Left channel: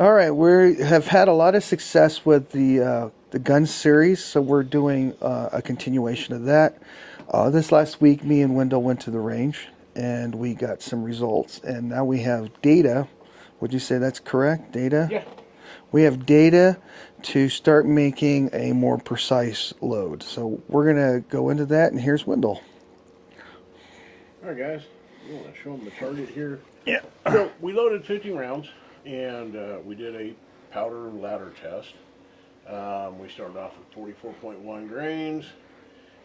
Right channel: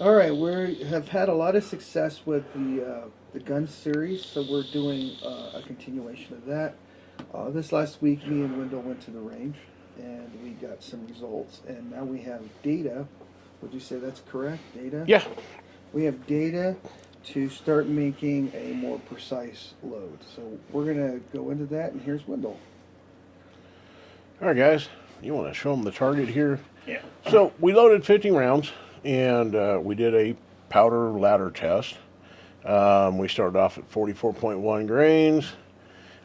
All right, we have had a lot of success with the gun series, so we're doing a continuation of that. This last week, me and Wendell went to the range, and we got some results. And now we have data. Would you say that's correct? Data. Yeah. We have data to start making a more precise load. So we're gonna go into that, and here's Wendell. All right, guys. You want to show them the target here? Yeah. So we loaded 15 rounds, and we did a powder ladder test. We started off at 44.1 grains.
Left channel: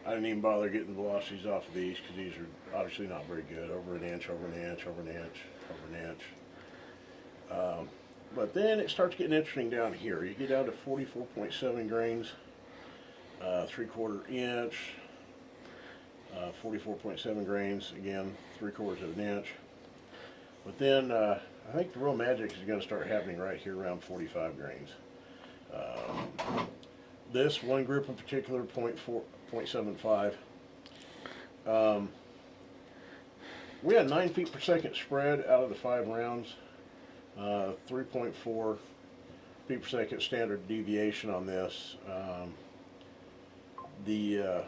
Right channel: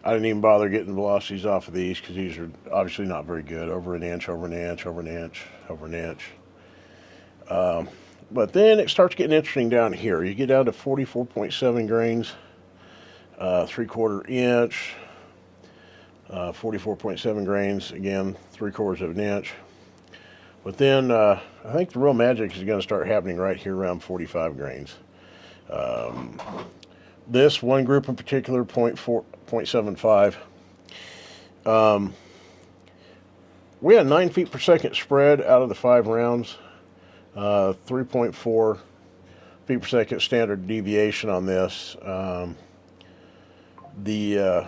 I didn't even bother getting velocities off of these because these are obviously not very good. Over an inch, over an inch, over an inch, over an inch. But then it starts getting interesting down here. You get down to 44.7 grains, 3/4 inch, 44.7 grains, again, 3/4 of an inch. But then I think the real magic is going to start happening right here around 45 grains. This one group in particular, 0.75. We had 9 feet per second spread out of the 5 rounds. 3.4 feet per second standard deviation on this. The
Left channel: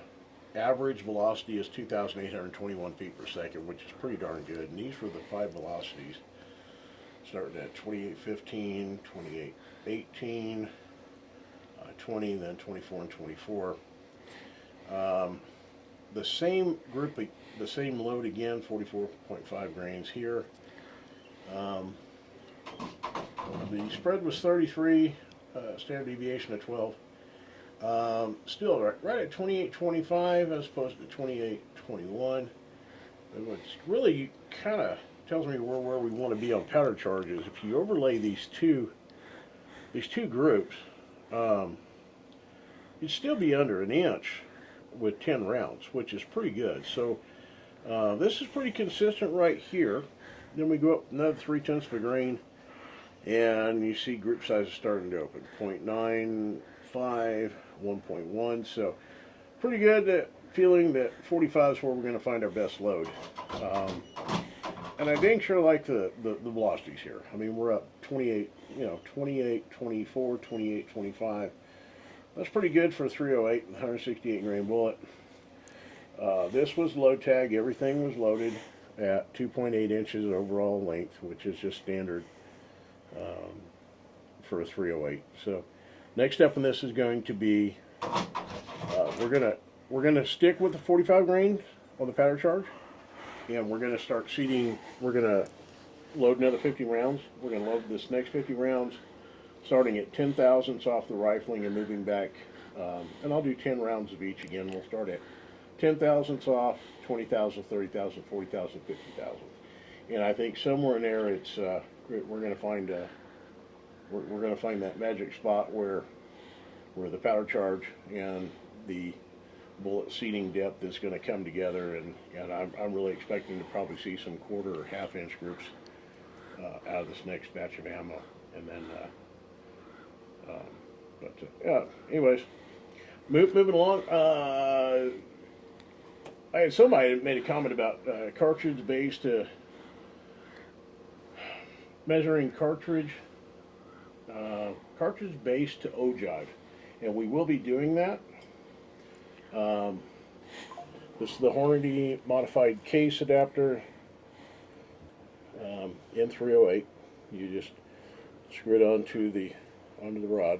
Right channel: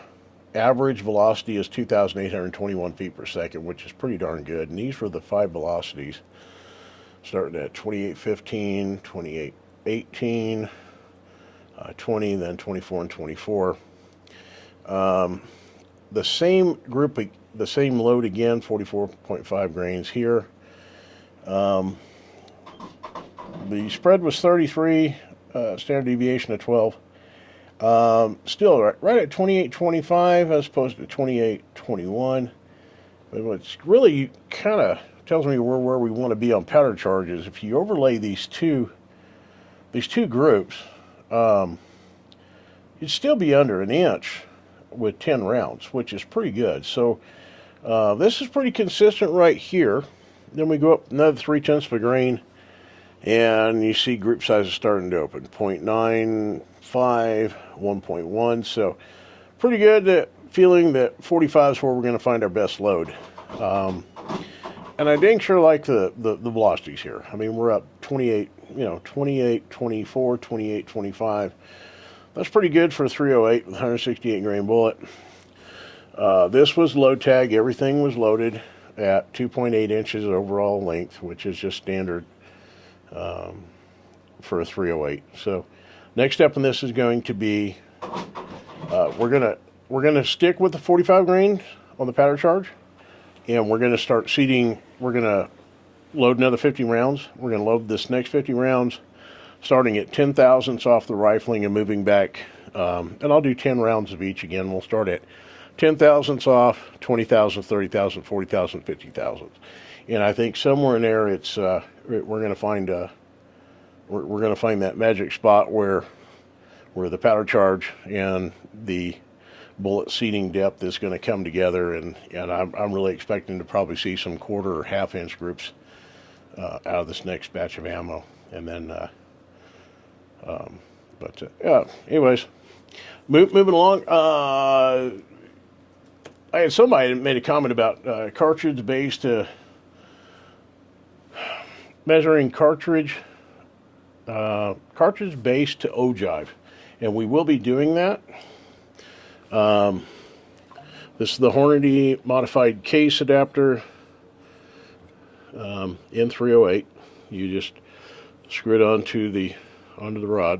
average velocity is 2,821 feet per second, which is pretty darn good. And these were the 5 velocities, starting at 28.15, 28.18, 20, then 24 and 24. The same group, the same load again, 44.5 grains here. The spread was 33, standard deviation of 12. Still right at 28.25 as opposed to 28.21. But what's really kind of tells me where we want to be on powder charges. If you overlay these two groups, you'd still be under an inch with 10 rounds, which is pretty good. So this is pretty consistent right here. Then we go up another 0.3 of a grain, and you see group sizes starting to open. 0.95, 1.1. So pretty good feeling that 45 is where we're going to find our best load. And I dang sure like the velocities here. I mean, we're up 28, 28, 24, 28, 25. That's pretty good for a 308 with 168 grain bullet. This was load tag. Everything was loaded at 2.8 inches overall length, which is just standard for a 308. So next step in this is going to be we're gonna stick with the 45 grain on the powder charge, and we're gonna start seeding. We're gonna load another 50 rounds. We're gonna load this next 50 rounds, starting at 10 thousandths off the rifling and moving back. And I'll do 10 rounds of each again. We'll start at 10 thousandths off, 20 thousandths, 30 thousandths, 40 thousandths, 50 thousandths. And I think somewhere in there, it's we're gonna find we're gonna find that magic spot where the powder charge and the bullet seating depth is going to come together, and I'm really expecting to probably see some 1/4 or 1/2 inch groups out of this next batch of ammo. And then yeah, anyways, moving along. I had somebody made a comment about cartridge base to measuring cartridge base to ogive, and we will be doing that. This is the Hornady modified case adapter, N308. You just screw it onto the rod.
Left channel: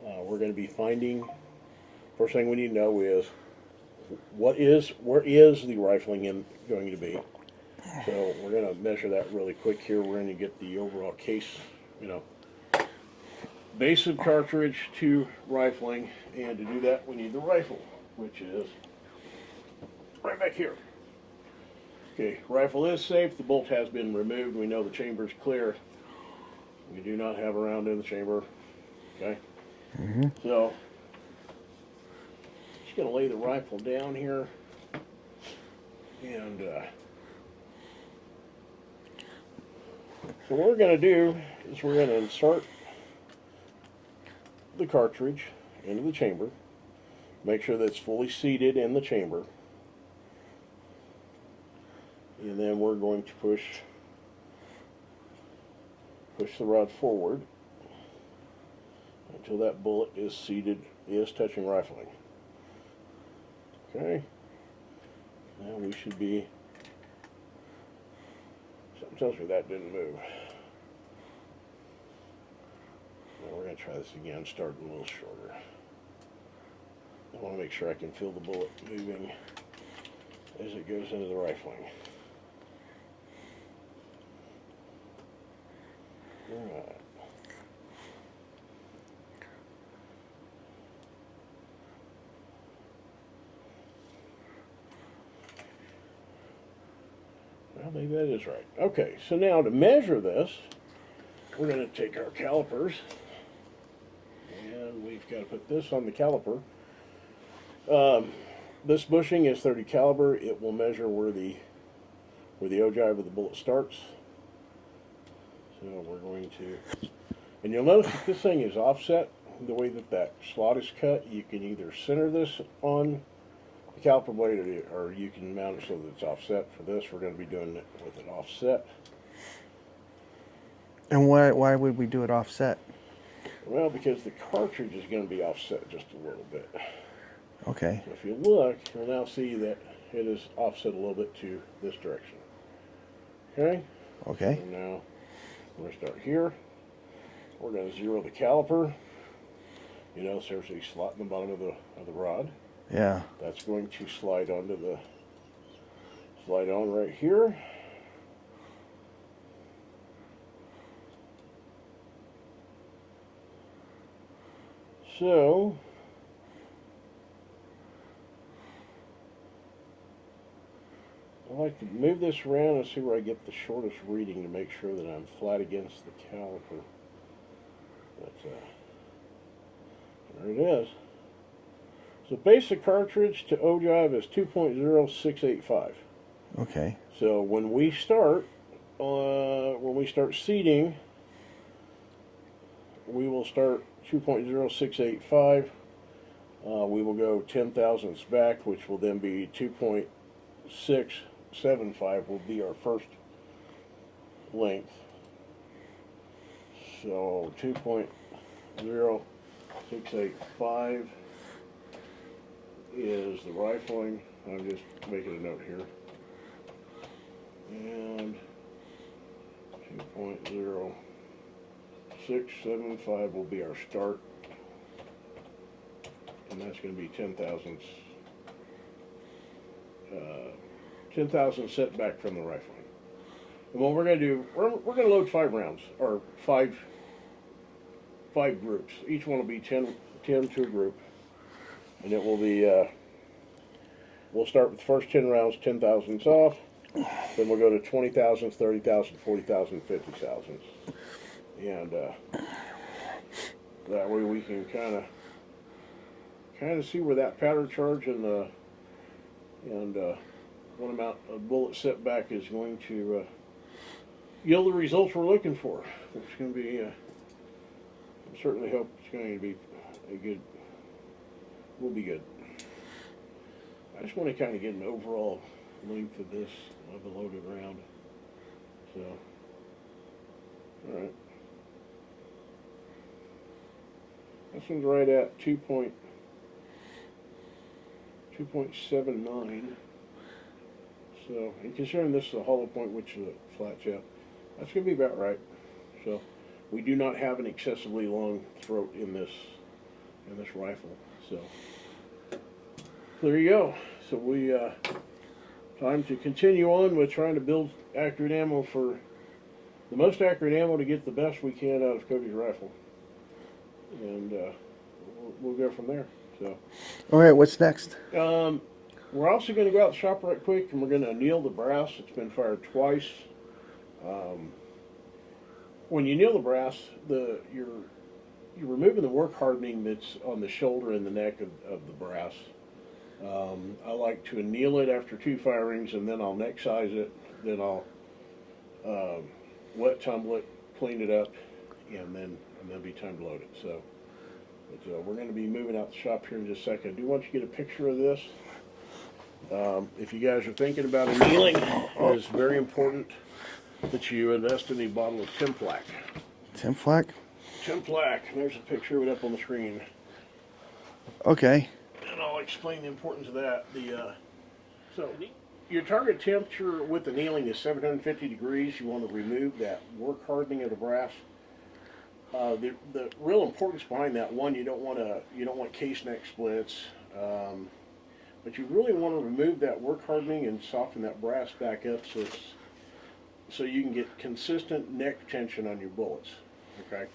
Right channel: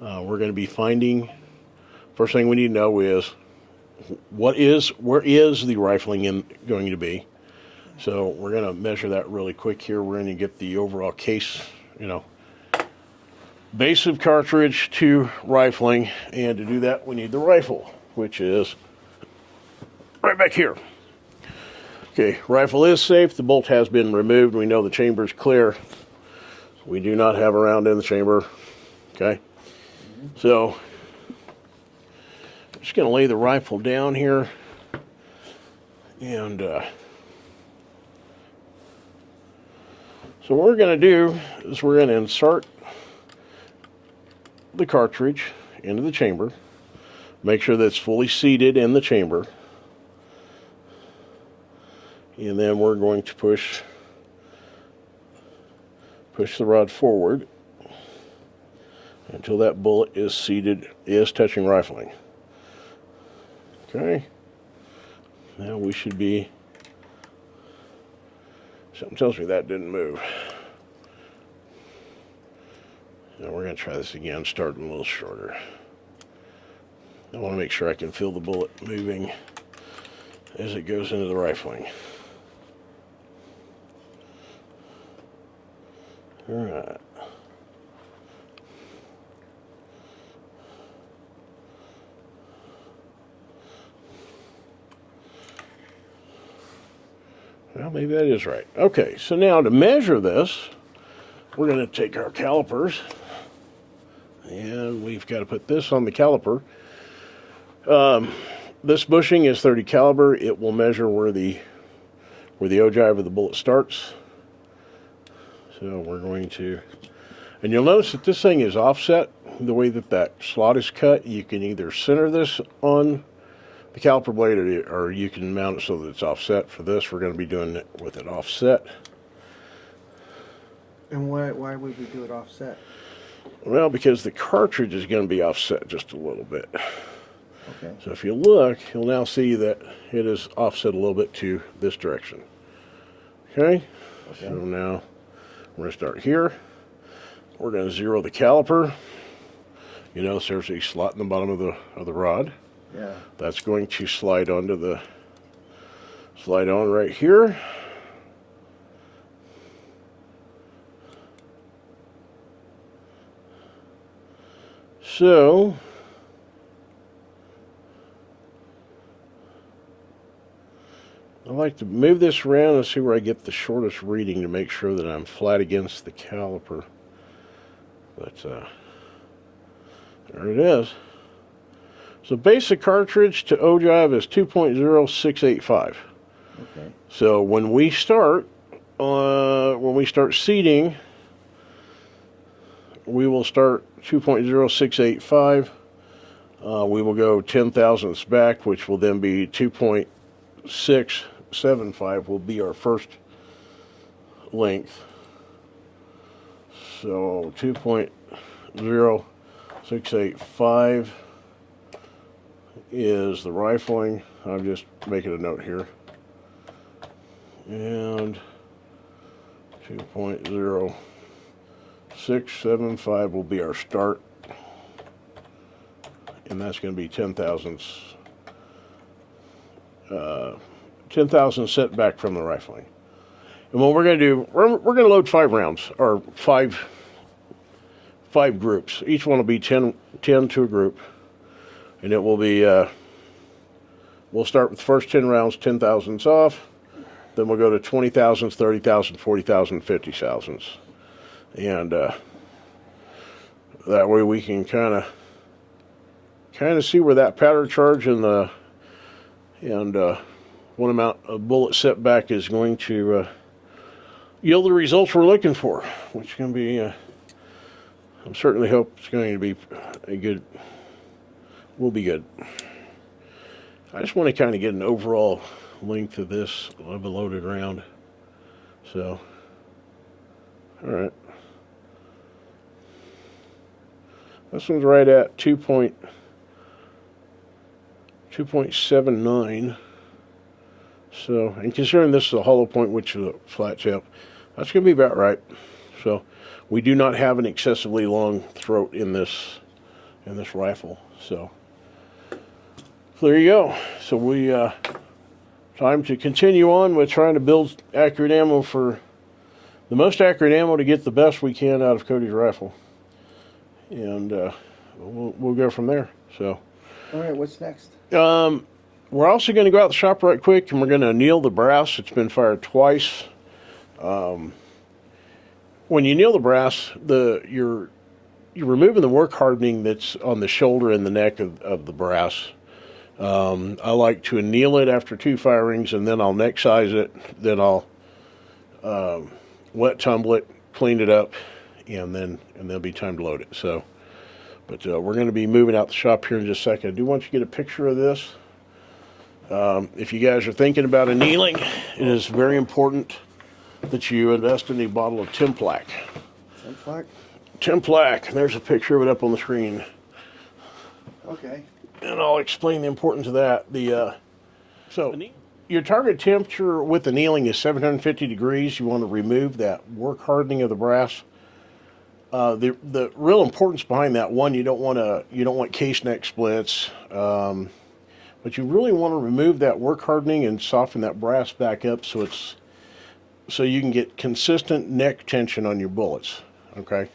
We're going to be finding. First thing we need to know is where is the rifling going to be. So we're going to measure that really quick here. We're going to get the overall case, base of cartridge to rifling, and to do that we need the rifle, which is right back here. Okay, rifle is safe. The bolt has been removed. We know the chamber is clear. We do not have a round in the chamber. Okay, so I'm just going to lay the rifle down here, and so what we're going to do is we're going to insert the cartridge into the chamber. Make sure that it's fully seated in the chamber. And then we're going to push Push the rod forward until that bullet is touching rifling. Okay. Now we should be, something tells me that didn't move. Now we're going to try this again, starting a little shorter. I want to make sure I can feel the bullet moving as it goes into the rifling. All right. Well, maybe that is right. Okay, so now to measure this, we're going to take our calipers, and we've got to put this on the caliper. This bushing is 30 caliber. It will measure where the ogive of the bullet starts. So we're going to, and you'll notice that this thing is offset. The way that slot is cut, you can either center this on the caliper blade, or you can mount it so that it's offset. For this, we're going to be doing it with it offset. And why would we do it offset? Well, because the cartridge is going to be offset just a little bit. Okay. So if you look, you'll now see that it is offset a little bit to this direction. Okay? Okay. So now we're going to start here. We're going to zero the caliper. You notice there's a slot in the bottom of the rod. Yeah. That's going to slide on right here. So I like to move this around and see where I get the shortest reading to make sure that I'm flat against the caliper. But there it is. So basic cartridge to ogive is 2.0685. Okay. So when we start seating, we will start 2.0685. We will go 10 thousandths back, which will then be 2.675 will be our first length. So 2.0685 is the rifling. I'm just making a note here. And 2.0675 will be our start. And that's going to be 10 thousandths. 10 thousandths set back from the rifling. And what we're going to do, we're going to load 5 rounds, or five groups. Each one will be 10 to a group. And it will be, we'll start with the first 10 rounds, 10 thousandths off. Then we'll go to 20 thousandths, 30 thousandths, 40 thousandths, 50 thousandths. And that way we can kind of see where that powder charge and what amount of bullet setback is going to yield the results we're looking for, which can be, I certainly hope it's going to be will be good. I just want to kind of get an overall length of this of a loaded round. So, all right. This one's right at 2.79. So, and considering this is a hollow point, which is a flat tip, that's going to be about right. So, we do not have an excessively long throat in this rifle. So, there you go. So we time to continue on with trying to build accurate ammo for the most accurate ammo to get the best we can out of Cody's rifle, and we'll go from there. So, all right, what's next? We're also going to go out the shop right quick, and we're going to anneal the brass. It's been fired twice. When you anneal the brass, you're removing the work hardening that's on the shoulder and the neck of the brass. I like to anneal it after 2 firings, and then I'll neck size it. Then I'll wet tumble it, clean it up, and then there'll be time to load it. So, but we're going to be moving out the shop here in just a second. I do want you to get a picture of this. If you guys are thinking about annealing, it is very important that you invest in a bottle of Templac. Tim Flack. Tim Flack. There's a picture of it up on the screen. Okay. And I'll explain the importance of that. So your target temperature with annealing is 750 degrees. You want to remove that work hardening of the brass. The real importance behind that, one, you don't want case neck splits, but you really want to remove that work hardening and soften that brass back up so you can get consistent neck tension on your bullets. Okay.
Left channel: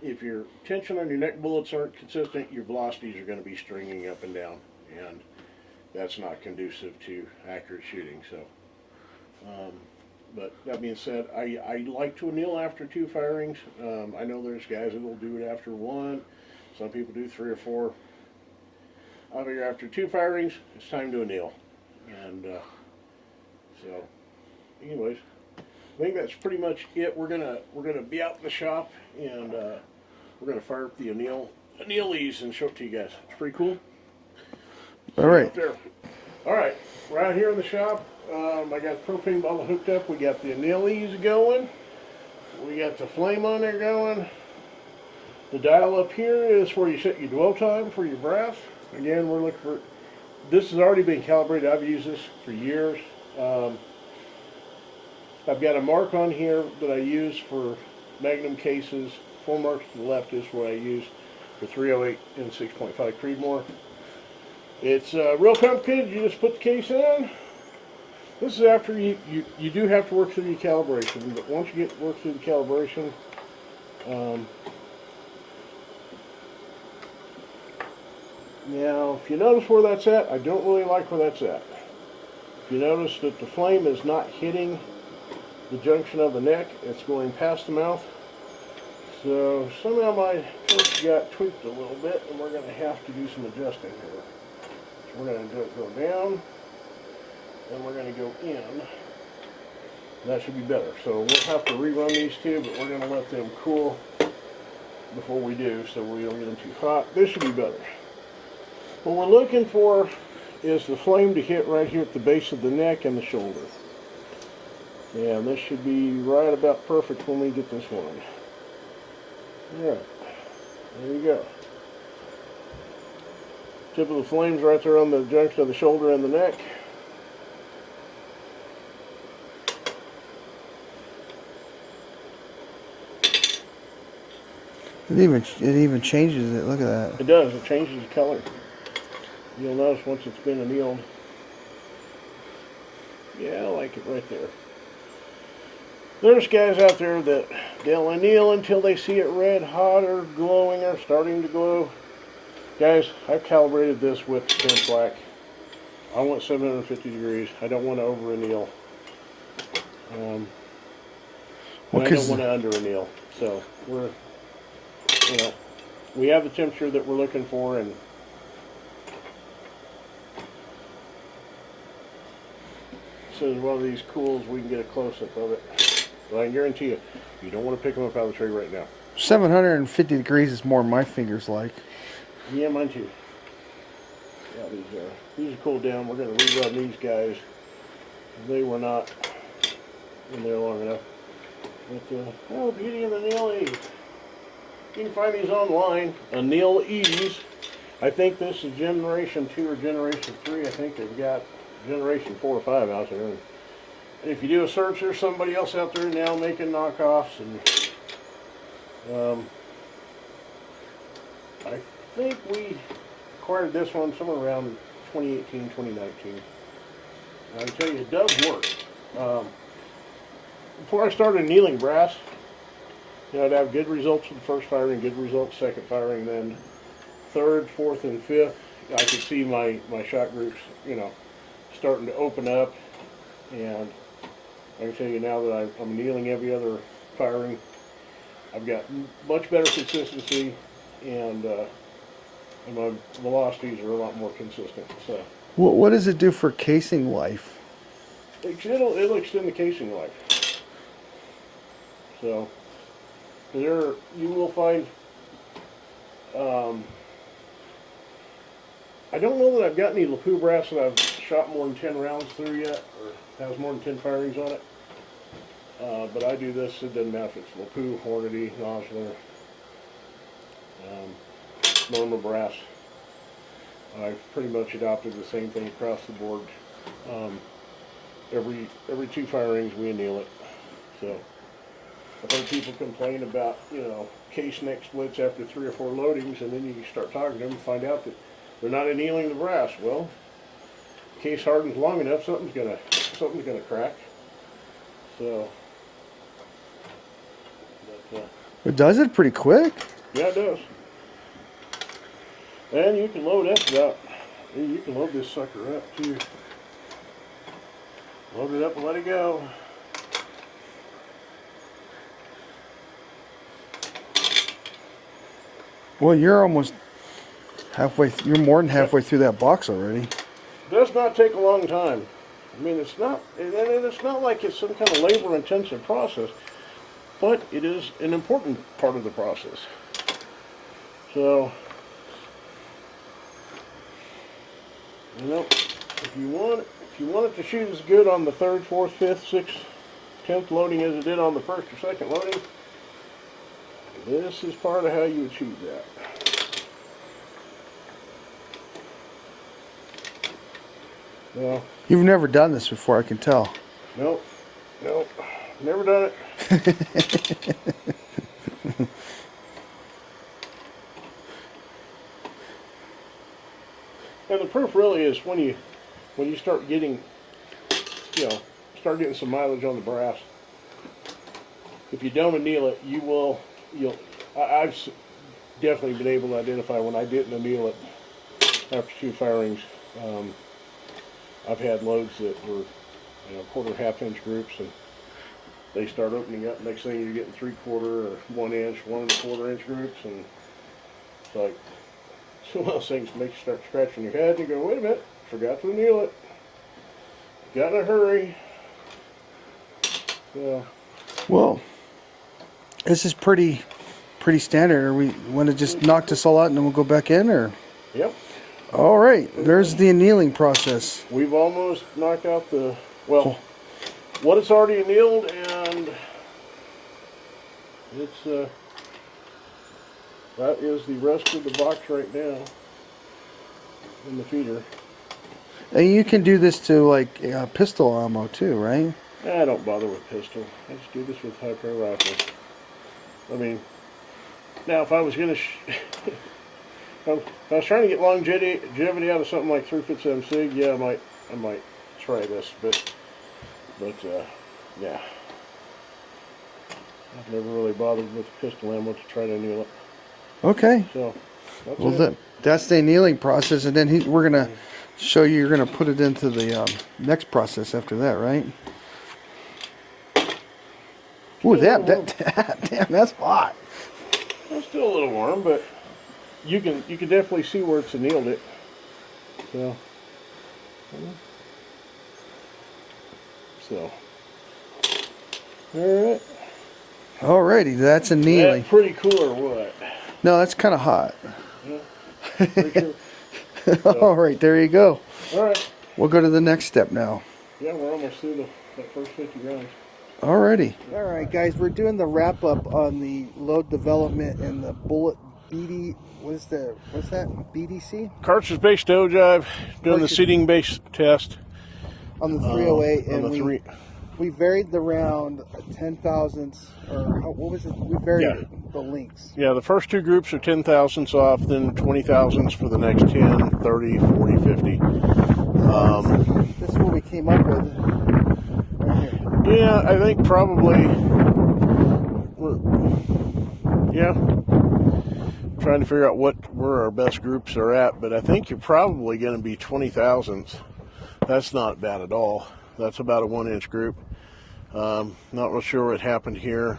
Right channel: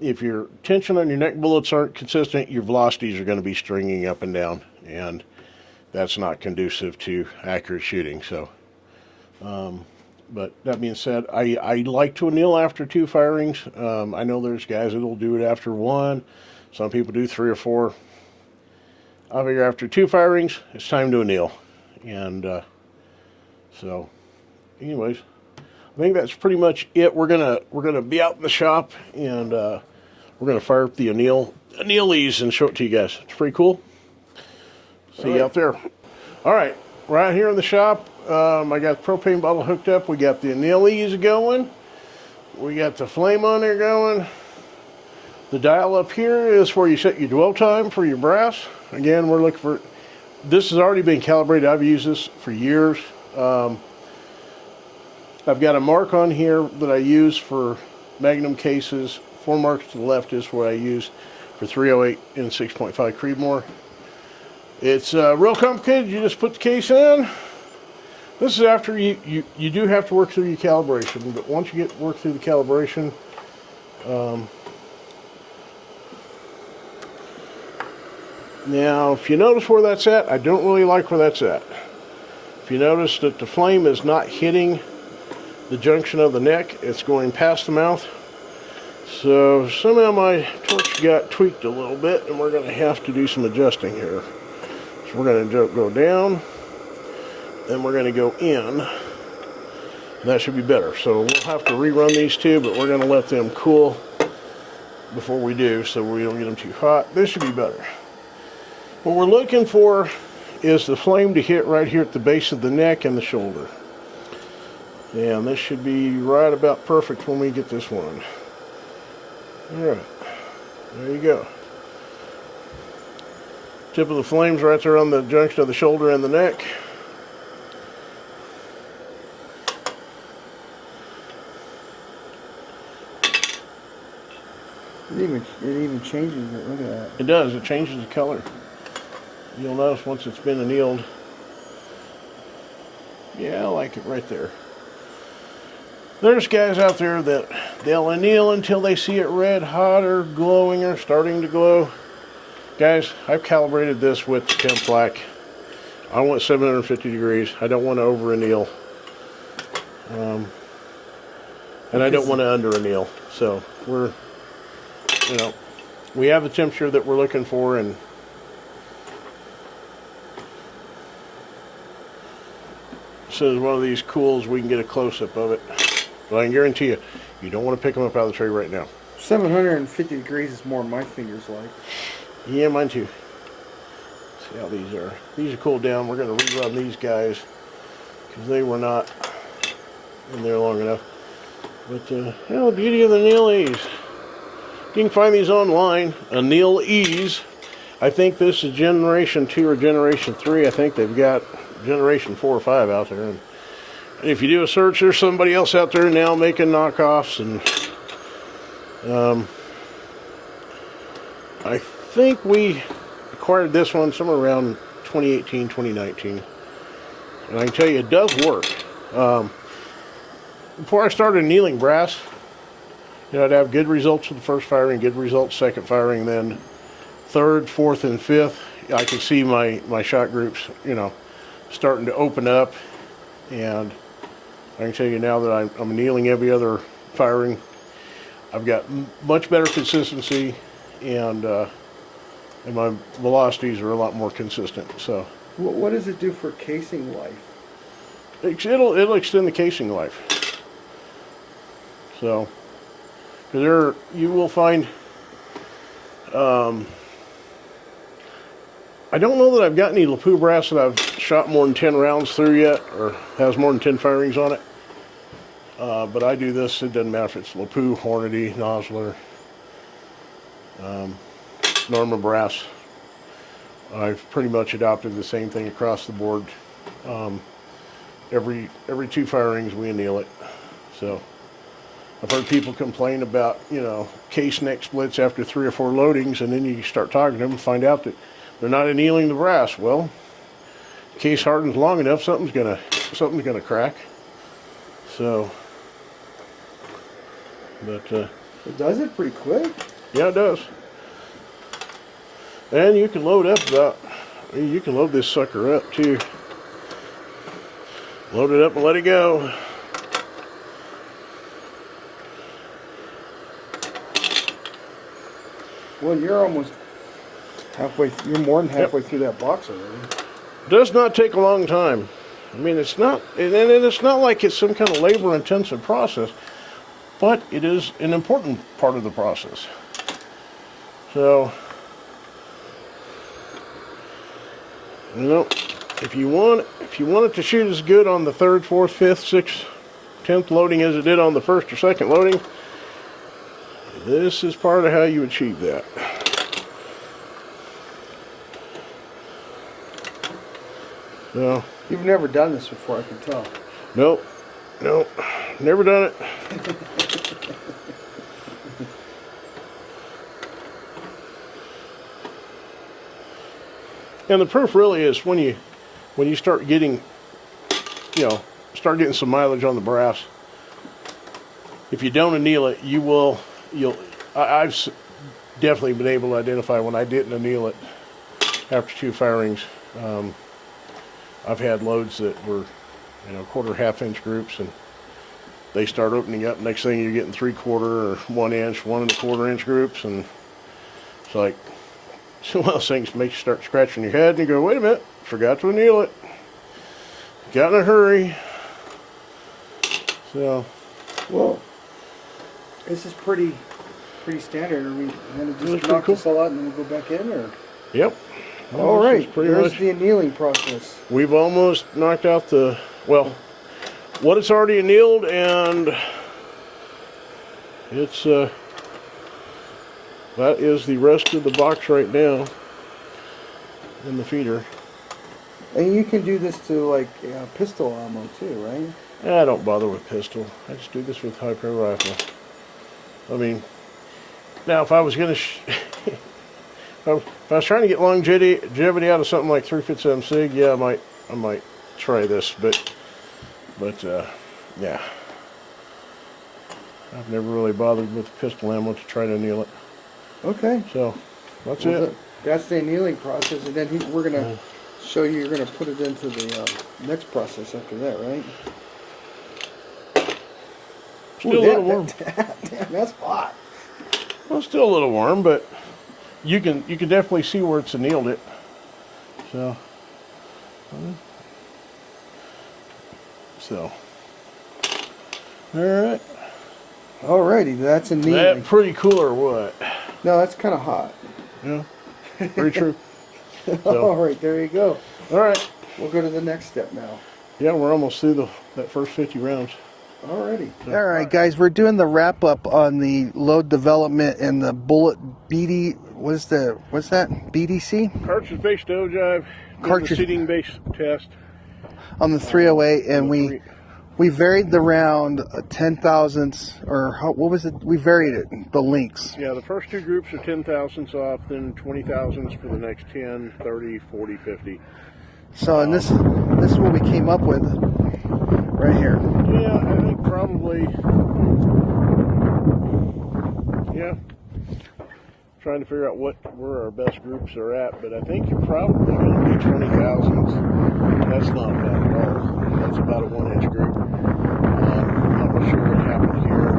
If your tension on your neck bullets aren't consistent, your velocities are going to be stringing up and down, and that's not conducive to accurate shooting. So, but that being said, I like to anneal after 2 firings. I know there's guys that will do it after 1. Some people do 3 or 4. I figure after 2 firings, it's time to anneal. And so, anyways, I think that's pretty much it. We're gonna be out in the shop, and we're gonna fire up the anneal these and show it to you guys. It's pretty cool. See you out there. All right, we're out here in the shop. I got the propane bottle hooked up. We got the annealies going. We got the flame on there going. The dial up here is where you set your dwell time for your brass. Again, we're looking for, this has already been calibrated. I've used this for years. I've got a mark on here that I use for Magnum cases. 4 marks to the left is what I use for 308 and 6.5 Creedmoor. It's real complicated. You just put the case in. This is after you do have to work through your calibration, but once you get work through the calibration, now if you notice where that's at, I don't really like where that's at. If you notice that the flame is not hitting the junction of the neck, it's going past the mouth. So somehow my torch got tweaked a little bit, and we're going to have to do some adjusting here. So we're going to go down, then we're going to go in. That should be better. So we'll have to rerun these 2, but we're going to let them cool before we do, so we don't get them too hot. This should be better. What we're looking for is the flame to hit right here at the base of the neck and the shoulder. And this should be right about perfect when we get this one. Alright, there you go. Tip of the flame's right there on the junction of the shoulder and the neck. It even changes it. Look at that. It does. It changes the color. You'll notice once it's been annealed. Yeah, I like it right there. There's guys out there that they'll anneal until they see it red hot or glowing or starting to glow. Guys, I've calibrated this with Tim Flack. I want 750 degrees. I don't want to over anneal. And I don't want to under anneal. So we're, we have the temperature that we're looking for, and so as one of these cools, we can get a close-up of it. But I can guarantee you, you don't want to pick them up out of the tray right now. 750 degrees is more my fingers like. Yeah, mine too. See how these are. These are cooled down. We're going to rerun these guys because they were not in there long enough. But, well, the beauty of the annealies. You can find these online. Annealies. I think this is generation 2 or generation 3. I think they've got generation 4 or 5 out there. And if you do a search, there's somebody else out there now making knockoffs, and I think we acquired this one somewhere around 2018, 2019, and I can tell you it does work. Before I started annealing brass, I'd have good results with the first firing, good results second firing, then third, fourth, and fifth. I can see my shot groups, starting to open up, and I can tell you now that I'm annealing every other firing. I've got much better consistency, and my velocities are a lot more consistent. So, what does it do for casing life? It'll extend the casing life. So, because you will find. I don't know that I've got any Lapua brass that I've shot more than 10 rounds through yet, or has more than 10 firings on it. But I do this, it doesn't matter if it's LaPoo, Hornady, Nosler, Norma Brass. I've pretty much adopted the same thing across the board. Every 2 fire rings we anneal it. So I've heard people complain about, case neck splits after 3 or 4 loadings, and then you start talking to them and find out that they're not annealing the brass. Well, case hardens long enough, something's gonna crack. So, but It does it pretty quick. yeah, it does. And you can load up you can load this sucker up too. Load it up and let it go. Well, you're almost halfway. You're more than halfway through that box already. Does not take a long time. I mean, it's not, and it's not like it's some kind of labor-intensive process, but it is an important part of the process. So, if you want it to shoot as good on the 3rd, 4th, 5th, 6th, 10th loading as it did on the 1st or 2nd loading, this is part of how you achieve that. So, You've never done this before, I can tell. nope, never done it. And the proof really is when you start getting, some mileage on the brass. If you don't anneal it, I've definitely been able to identify when I didn't anneal it after 2 fire rings. I've had loads that were, 1/4, 1/2 inch groups, and they start opening up. Next thing you're getting 3/4 or 1 inch, 1 1/4 inch groups, and it's like, it's one of those things that makes you start scratching your head and you go, wait a minute, forgot to anneal it. Got in a hurry. So, Whoa. This is pretty standard. We want to just That's knock cool. this all out and then we'll go back in, or? yep. All This is right. pretty There's much- the annealing process. We've almost knocked out what it's already annealed, and it's that is the rest of the box right now in the feeder. And you can do this to like pistol ammo too, right? I don't bother with pistol. I just do this with high-pro rifles. I mean, now if I was gonna, if I was trying to get longevity out of something like 357 SIG, yeah, I might try this, but yeah, I've never really bothered with pistol ammo to try to anneal it. Okay. So that's Well, it. that's the annealing process, and then we're gonna show you. You're gonna put it into the next process after that, right? Still Ooh, a little warm. damn, that's hot. Well, it's still a little warm, but you can definitely see where it's annealed it. So, all right. Alrighty, that's annealing. That pretty cool or what? No, that's kind of hot. Yeah, very true. All right, there you go. All right. We'll go to the next step now. Yeah, we're almost through that first 50 rounds. Alrighty. All right, guys, we're doing the wrap up on the load development and the bullet BD. What's that? BDC Cartridge-based ogive, doing the Cartridge- seating-based test. on the 308, and on the we varied the round 10 thousandths, or what was it? We varied Yeah. it, the links. Yeah, the first 2 groups are 10 thousandths off, then 20 thousandths for the next 10, 30, 40, 50. So this is what we came up with right here. Yeah, I think probably, yeah. Trying to figure out where our best groups are at, but I think you're probably going to be 20 thousandths. That's not bad at all. That's about a 1 inch group. Not real sure what happened here.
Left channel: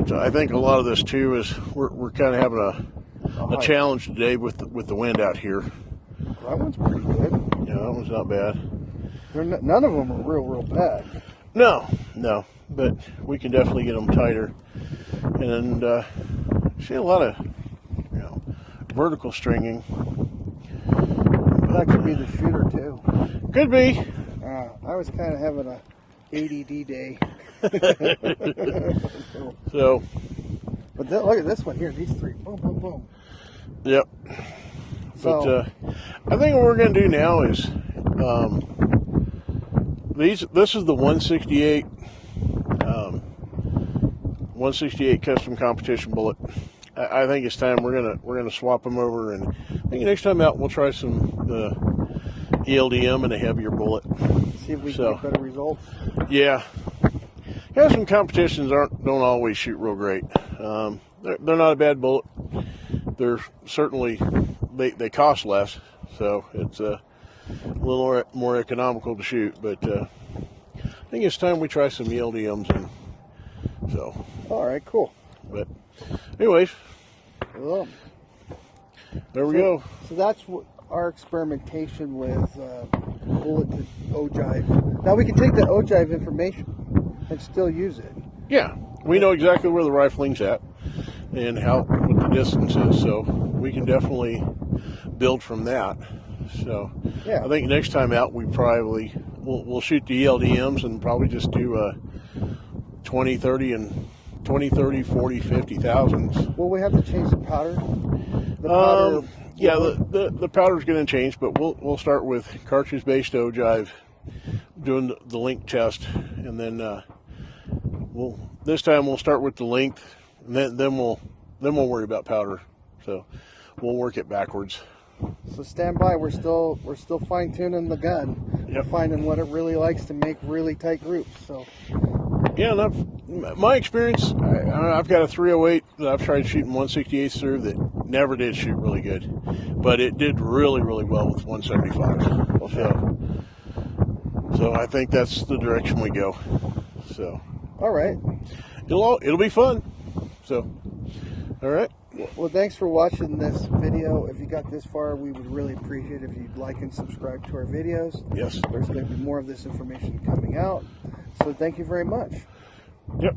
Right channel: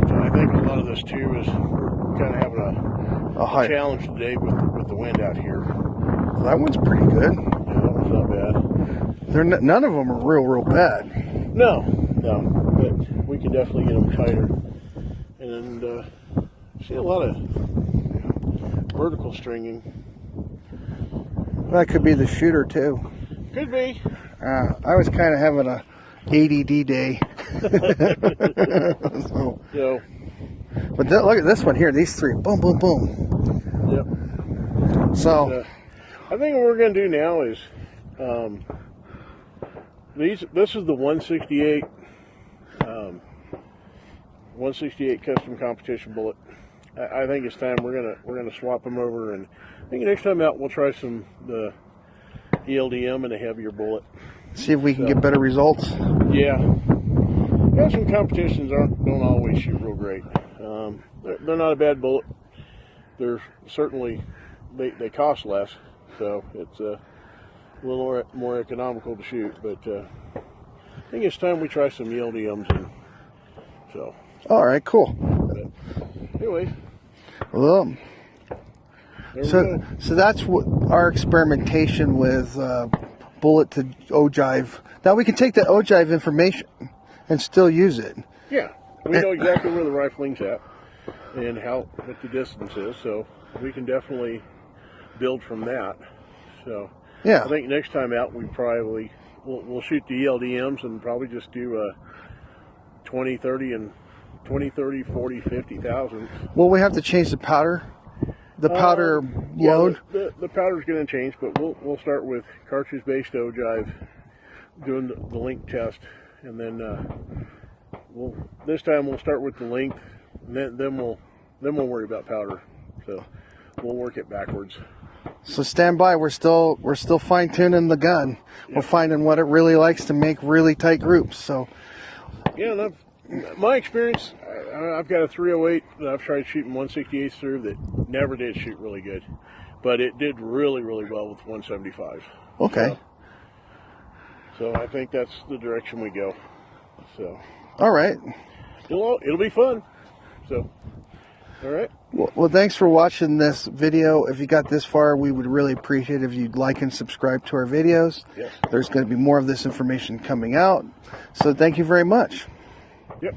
But I think a lot of this too is we're kind of having a challenge today with the wind out here. Well, that one's pretty good. Yeah, that one's not bad. None of them are real bad. No, but we can definitely get them tighter. And see a lot of vertical stringing. That could be the shooter too. Could be. I was kind of having ADD day. So, but look at this one here. These three, boom, boom, boom. yep. So I think what we're going to do now is this is the 168 168 custom competition bullet. I think it's time we're gonna swap them over, and I think next time out we'll try some ELDM and a heavier bullet. see if we can get better results. Yeah, some competitions don't always shoot real great. They're not a bad bullet. They're certainly they cost less, so it's a little more economical to shoot. But I think it's time we try some ELDMs. So. All right, cool. But anyways, Well, there we go. So that's what our experimentation with bullet to ogive. Now we can take that ogive information and still use it. Yeah, we know exactly where the rifling's at and what the distance is, so we can definitely build from that. So Yeah. I think next time out we'll shoot the ELDMs and probably just do 20, 30, 40, 50,000. Well, we have to change the powder. The powder Yeah, load. the powder's going to change, but we'll start with cartridge-based ogive, doing the length test, and then this time we'll start with the length, and then we'll worry about powder. So we'll work it backwards. So stand by. We're still fine tuning the gun. Yep. We're finding what it really likes to make really tight groups. So Yeah, and my experience, I've got a 308 that I've tried shooting 168 through that never did shoot really good, but it did really, really well with 175. okay. So I think that's the direction we go. So All right. it'll be fun. So all right. Well, thanks for watching this video. If you got this far, we would really appreciate it if you'd like and subscribe to our videos. Yes. There's going to be more of this information coming out. So thank you very much. Yep.